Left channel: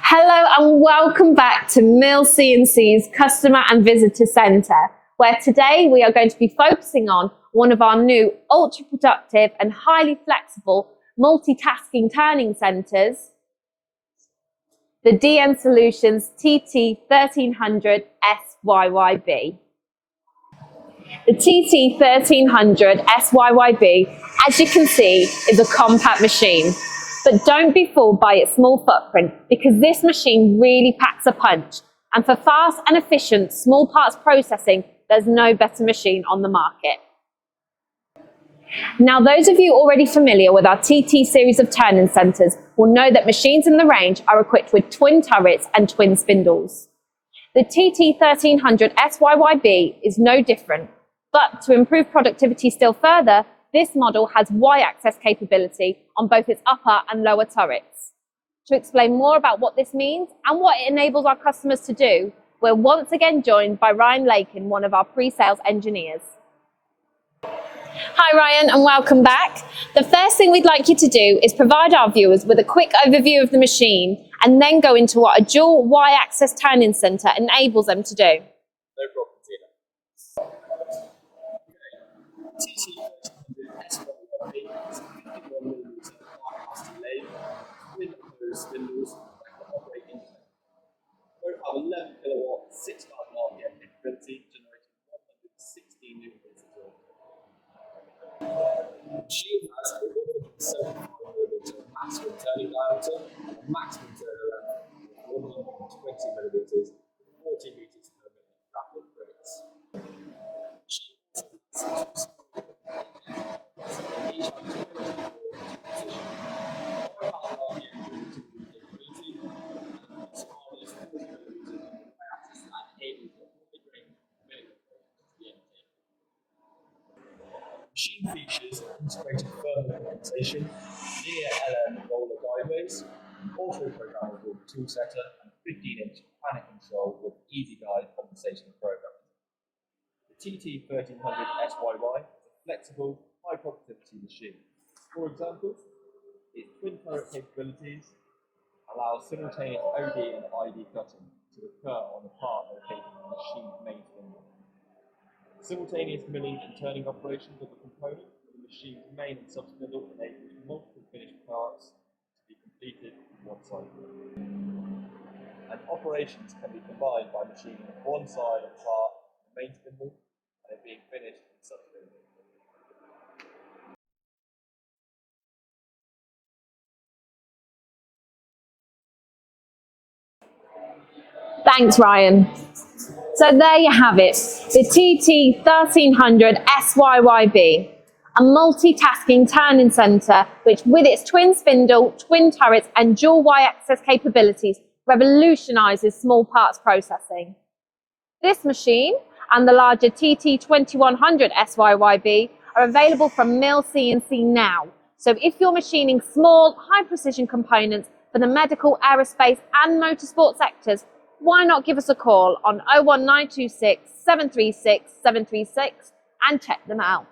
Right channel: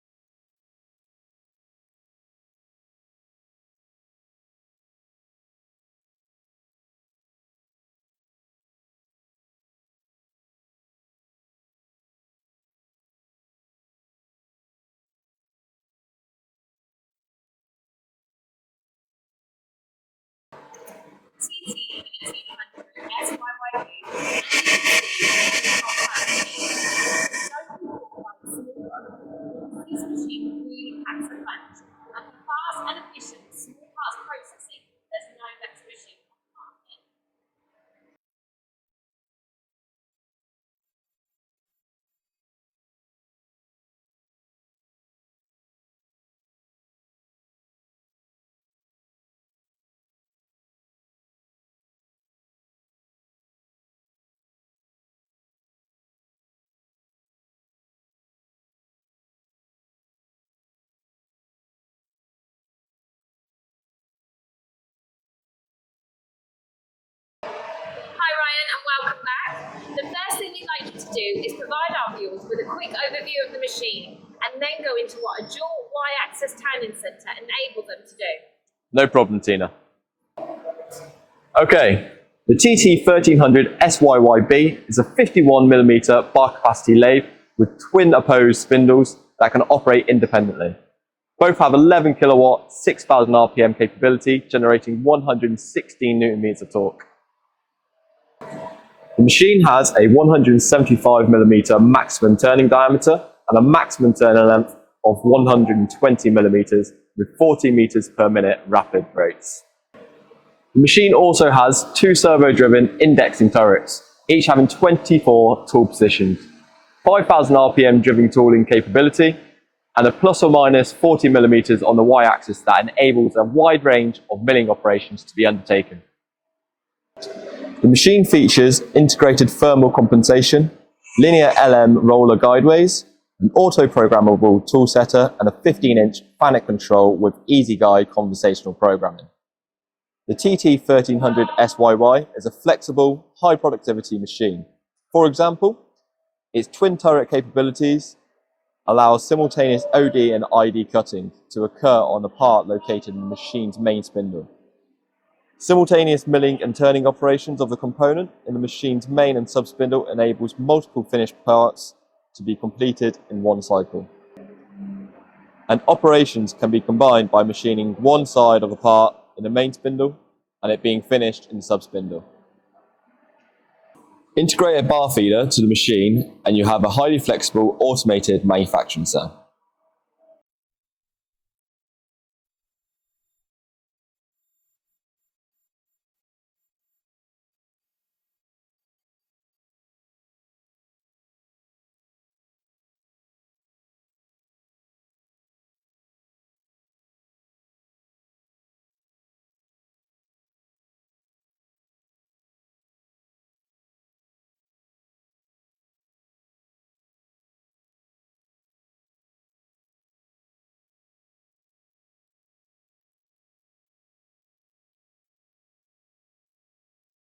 Hello and welcome back to Mill C&C's Customer and Visitor Centre, where today we are going to be focusing on one of our new ultra-productive and highly flexible multitasking turning centres, the DN Solutions TT1300 SYYB. The TT1300 SYYB, as you can see, is a compact machine. But don't be fooled by its small footprint, because this machine really packs a punch. And for fast and efficient small parts processing, there's no better machine on the market. Now, those of you already familiar with our TT series of turning centres will know that machines in the range are equipped with twin turrets and twin spindles. The TT1300 SYYB is no different, but to improve productivity still further, this model has Y-axis capability on both its upper and lower turrets. To explain more about what this means and what it enables our customers to do, we're once again joined by Ryan Lakin, one of our pre-sales engineers. Hi Ryan, and welcome back. The first thing we'd like you to do is provide our viewers with a quick overview of the machine and then go into what a dual Y-axis turning centre enables them to do. No problem, Tina. Okay. The TT1300 SYYB is a 51mm bar capacity lathe with twin opposed spindles that can operate independently. Both have 11 kilowatt, 6,000 RPM capability, generating 116 Nm of torque. The machine has a 175mm maximum turning diameter and a maximum turning length of 120mm with 40 meters per minute rapid rates. The machine also has two servo-driven indexing turrets, each having 24 tool positions, 5,000 RPM driven tooling capability, and a plus or minus 40mm on the Y-axis that enables a wide range of milling operations to be undertaken. The machine features integrated thermal compensation, linear LM roller guideways, an auto-programmable tool setter, and a 15-inch FANUC control with easy guide conversational programming. The TT1300 SYY is a flexible, high productivity machine. For example, its twin turret capabilities allow simultaneous OD and ID cutting to occur on a part located in the machine's main spindle. Simultaneous milling and turning operations of the component in the machine's main and sub-spindle enables multiple finished parts to be completed in one cycle. And operations can be combined by machining one side of a part in the main spindle and it being finished in the sub-spindle. Integrate a bar feeder to the machine and you have a highly flexible automated manufacturing cell. Thanks, Ryan. So there you have it, the TT1300 SYYB, a multitasking turning centre which, with its twin spindle, twin turrets and dual Y-axis capabilities, revolutionises small parts processing. This machine and the larger TT2100 SYYB are available from Mill C&C now. So if you're machining small, high-precision components for the medical, aerospace and motorsport sectors, why not give us a call on 01926 736 736 and check them out.